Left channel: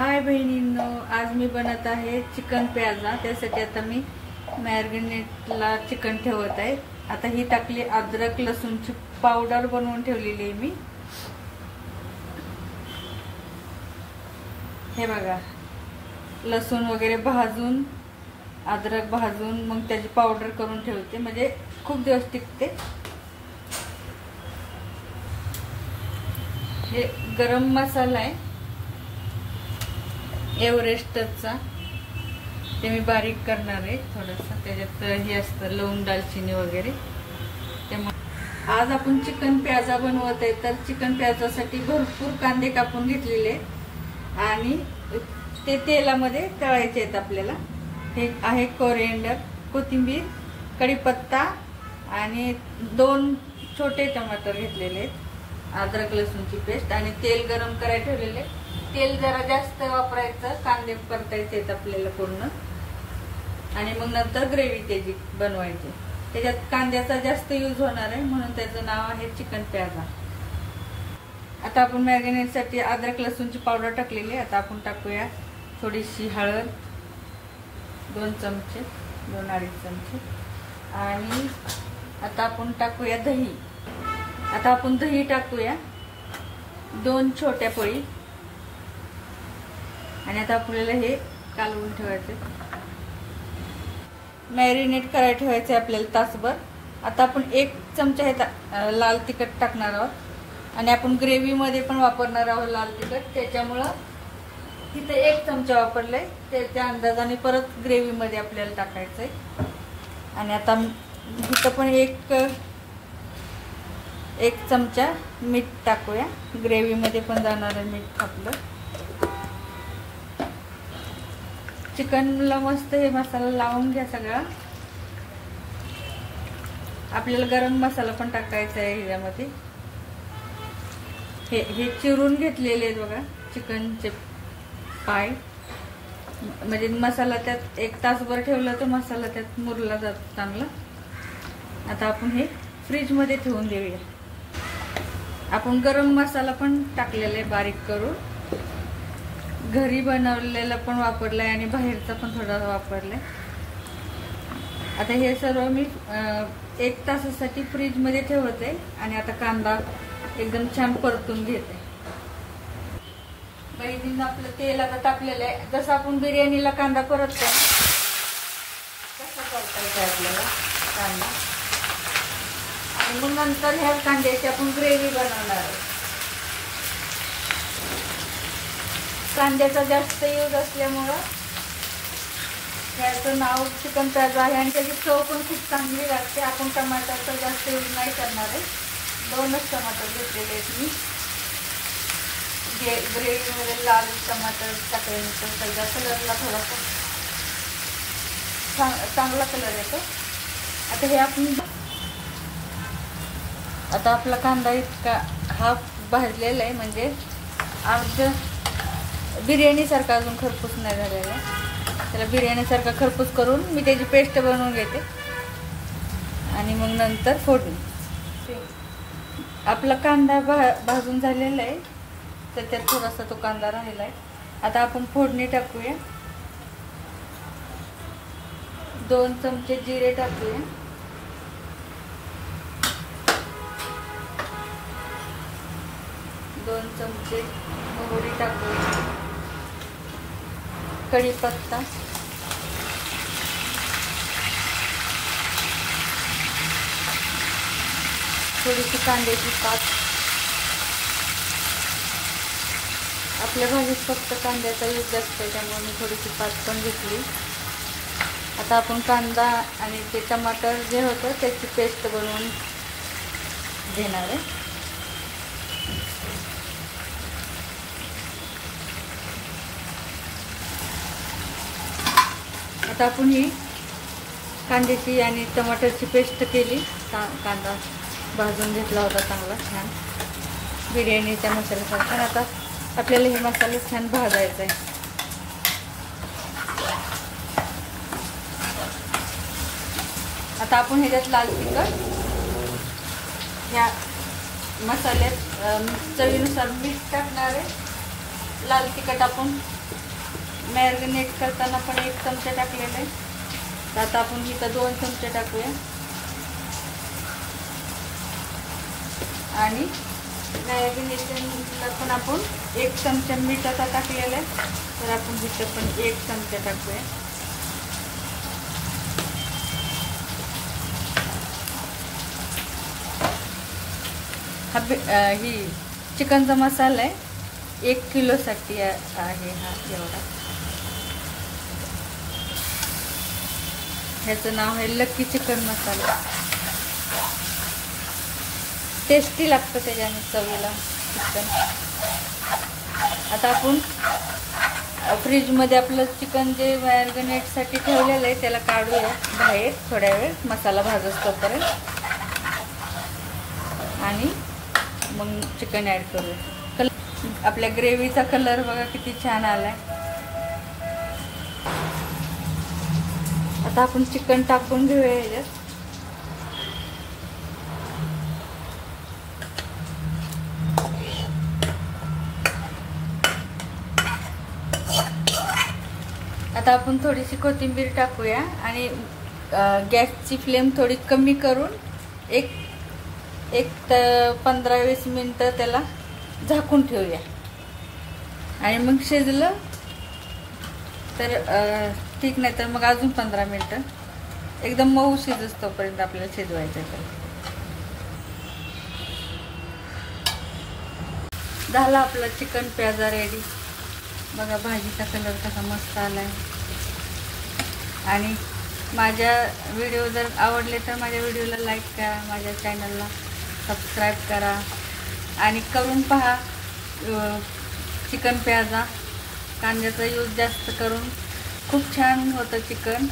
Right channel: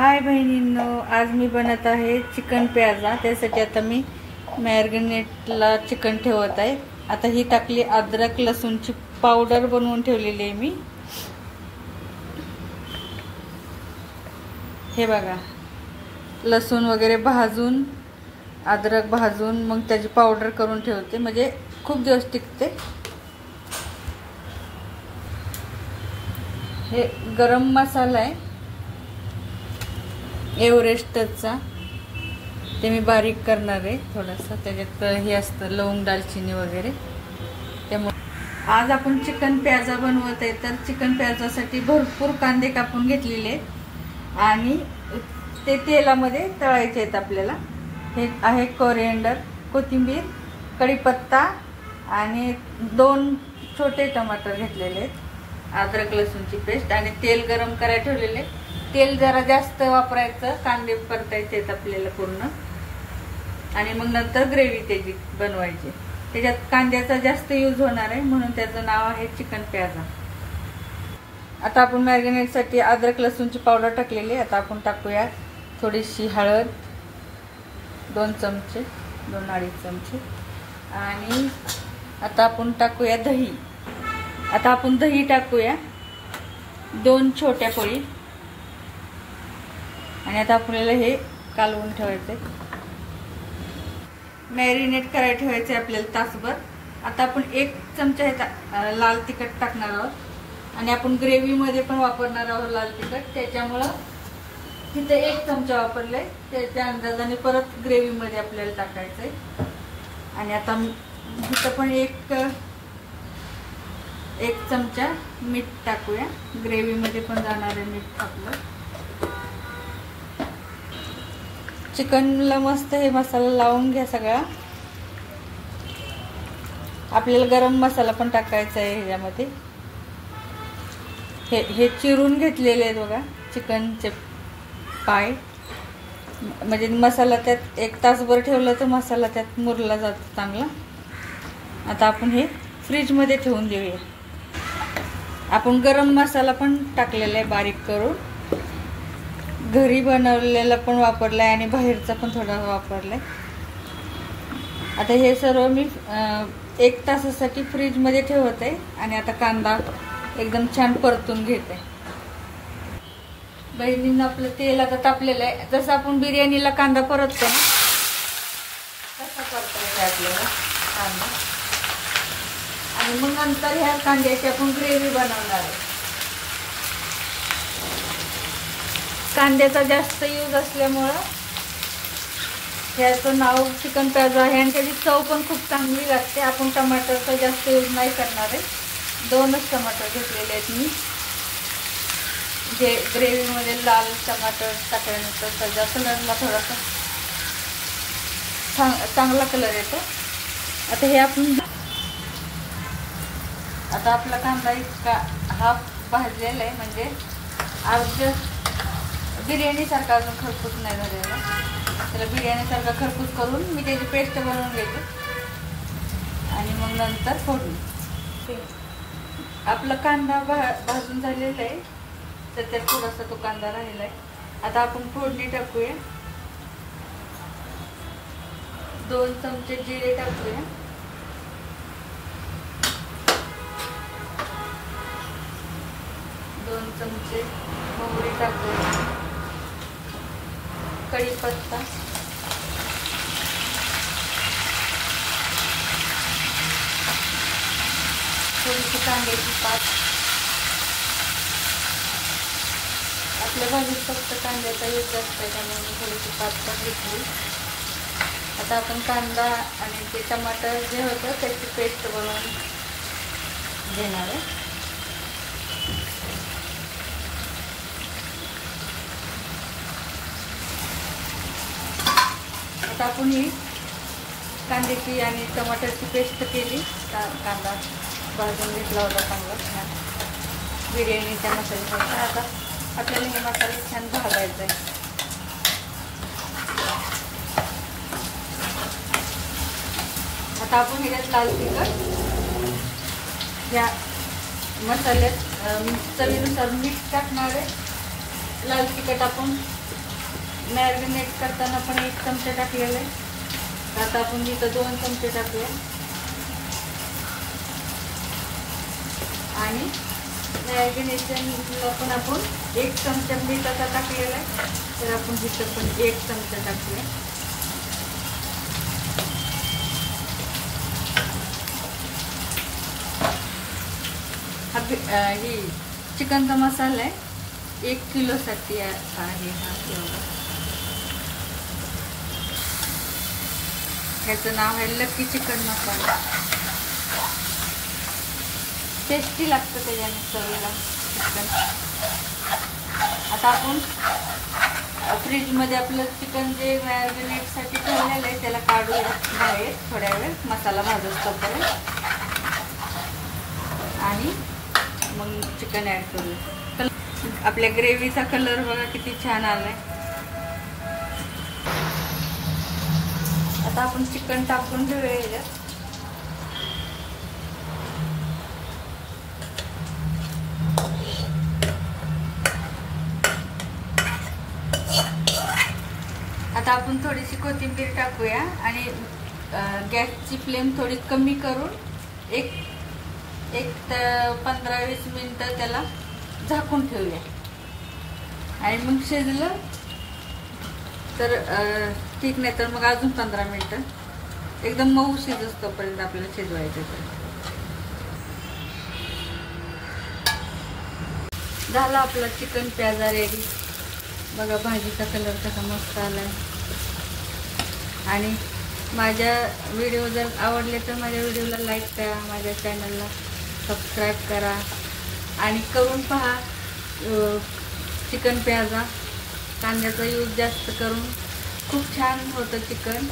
हाय बहिणींनो, आज मी बनवत आहे चिकन प्याजा। त्यासाठी आता मी मॅरिनेटला चिकन ठेवत आहे। आता ही टाकली अद्रक लसूणची पावडर बनवून ठेवलेली आहे मी। हे बघा, लसूण वगैरे भाजून, अद्रक भाजून मग त्याची पावडर करून ठेवते, म्हणजे खूप दिवस टिकते। हे गरम मसाला आहे एव्हरेस्टचा, ते मी बारीक करणार आहे थोडासा। त्याच्यात हे असतं लवंग, दालचिनी वगैरे। त्यामुळे आज आपण चिकन प्याजा बनवत आहे। तर चिकन प्याजासाठी भरपूर कांदे कापून घेतलेले आहेत आणि ते तेलामध्ये तळायचे आहेत आपल्याला। हे आहे कोरिएंडर, कोथिंबीर, कढीपत्ता आणि 2 छोटे टमाटर घेतलेले आहेत, अद्रक लसूणची पेस्ट आणि तेल गरम करायला ठेवलेले। तेल जरा जास्त वापरायचं, कांदे परतायचे आहेत आपल्याला पूर्ण, आणि मग नंतर ग्रेव्ही त्याची बनवायची। त्याच्यात कांद्याचा जास्त यूज होणार आहे, म्हणून त्याचं नाव आहे चिकन प्याजा। आता आपण मॅरिनेटसाठी अद्रक लसूणची पावडर टाकलेली आहे। आता आपण टाकूया थोडीशी हळद, 2 चमचे, 2-2.5 चमचे, आणि आता आपण टाकूया दही। आता आपण दही टाकूया 2 छोट्या पळी, आणि आता आपल्याला हे कालवून ठेवायचे, मॅरिनेट करायला ठेवायचे आपल्याला तासभर। आता आपण 1 चमचा हे लाल तिखट टाकणार आहोत, आणि आपण ग्रेव्ही मध्ये पण वापरणार आहोत लाल तिखट, त्याच्यामुळं तिथे 1 चमचा वापरलाय, त्याच्या अंदाजाने परत ग्रेव्ही मध्ये आपल्याला टाकायचंय। आणि आता इथं पण 1 चमचा मीठ टाकूया, ग्रेव्ही मध्ये पण जाणार आहे मीठ आपलं। चिकनला मस्त हे मसाला लावून घ्या सगळा। आपल्याला गरम मसाला पण टाकायचा आहे ह्याच्यामध्ये। हे चिरून घेतलेले आहेत बघा चिकनचे पाय, म्हणजे मसाला त्यात 1 तासभर ठेवला तर मसाला त्यात मुरला जातो चांगला। आता आपण हे फ्रीज मध्ये ठेवून देऊया। आपण गरम मसाला पण टाकलेला आहे बारीक करून, घरी बनवलेला पण वापरलाय आणि बाहेरचा पण थोडा वापरलाय। आता हे सर्व मी 1 तासासाठी फ्रीज मध्ये ठेवत आहे, आणि आता कांदा एकदम छान परतून घेते। बहिणींना आपलं तेल आता तापलेलं आहे, जसं आपण बिर्याणीला कांदा परततो तसा परतायचा आपल्याला कांदा, आणि मग नंतर ह्या कांद्याची आपण ग्रेव्ही बनवणार आहे। कांद्याचा जास्त यूज असल्यामुळं ह्याचं नाव चिकन प्याजा आहे, आणि त्याची चव पण खूप चांगली लागते। आपण टमाटरचा जास्त यूज नाही करणार आहे, 2च टमाटर घेतलेले आहेत मी, जे ग्रेव्ही मध्ये लाल टमाटर टाकल्यानंतर त्याच्या कलरला थोडासा चांगला कलर येतो। आता हे आपण आता आपला कांदा इतका हा भाजलेला आहे, म्हणजे आज बिर्याणी सारखा अजून खरपूस नाही झालेला, त्याला बिर्याणी सारखा खरपूस करून मी त्याची पेस्ट बनवून घेते, आणि मग नंतर फोडणी। आपला कांदा भाजून झालेला आहे, तर त्यात थोडासा तो कांदा राहिला आहे। आता आपण फोडणी टाकूया, 2 चमचे जिरे टाकूया, 2 चमचे मोहरी टाकूया, कढीपत्ता, थोडीशी कांद्याची पात। आपल्या भाजीत फक्त कांद्याचा यूज असतो, त्यामुळे थोडीशी पात पण घेतली। आता आपण कांदा आणि ते टमाटर जे होतं त्याची पेस्ट बनवून घेणार आहे। आता आपण ही कांद्याची आणि टमाटरची पेस्ट केली, कांदा भाजून घेतला होता चांगला छान बिर्याणीच्या मसाल्यापासून। आता आपल्याला हे मसाला छान भाजायचा आहे। आता आपण ह्याच्यात लाल तिखट, ह्या मसाल्यात चवीनुसार मीठ टाकणार आहे, लाल तिखट आपण मॅरिनेट करताना पण 1 चमचा टाकलेला आहे. तर आता आपण इथं 2 चमचे टाकूया. आणि मॅरिनेशनला पण आपण 1 चमचा मीठाचा टाकलेला आहे. तर आपण इथं पण 1 चमचा टाकूया. ही चिकनचा मसाला आहे, 1 किलोसाठी आहे हा. ह्याचं नाव आहे लकी चिकन मसाला. टेस्टी लागतं त्याच्याने चवीला. आता आपण फ्रीजमध्ये आपलं चिकन जे मॅरिनेटसाठी ठेवलेलं आहे त्याला काढूया बाहेर थोड्या वेळ, मसाला भाजत तोपर्यंत. आणि मग चिकन ॲड करूया. आपल्या ग्रेव्हीचा कलर बघा किती छान आलाय. आता आपण चिकन टाकून घेऊया ह्याच्यात. आता आपण थोडीशी कोथिंबीर टाकूया आणि गॅसची फ्लेम थोडी कमी करून एक 15-20 मिनिटं त्याला झाकून ठेवूया. आणि मग शिजलं तर ठीक, नाही तर मग अजून 15 मिनिटं एकदम मऊ शिजस तोपर्यंत आपल्याला शिजवायचं. झाला आपला चिकन प्याजा रेडी. बघा भाजीचा कलर कसा मस्त आलाय. आणि माझ्या व्हिडिओ जर आवडले तर माझ्या व्हिडिओला लाईक करा, माझ्या चॅनलला सबस्क्राईब करा आणि करून पहा. चिकन प्याजा कांद्याचा यूज जास्त करून खूप छान होतं चिकन.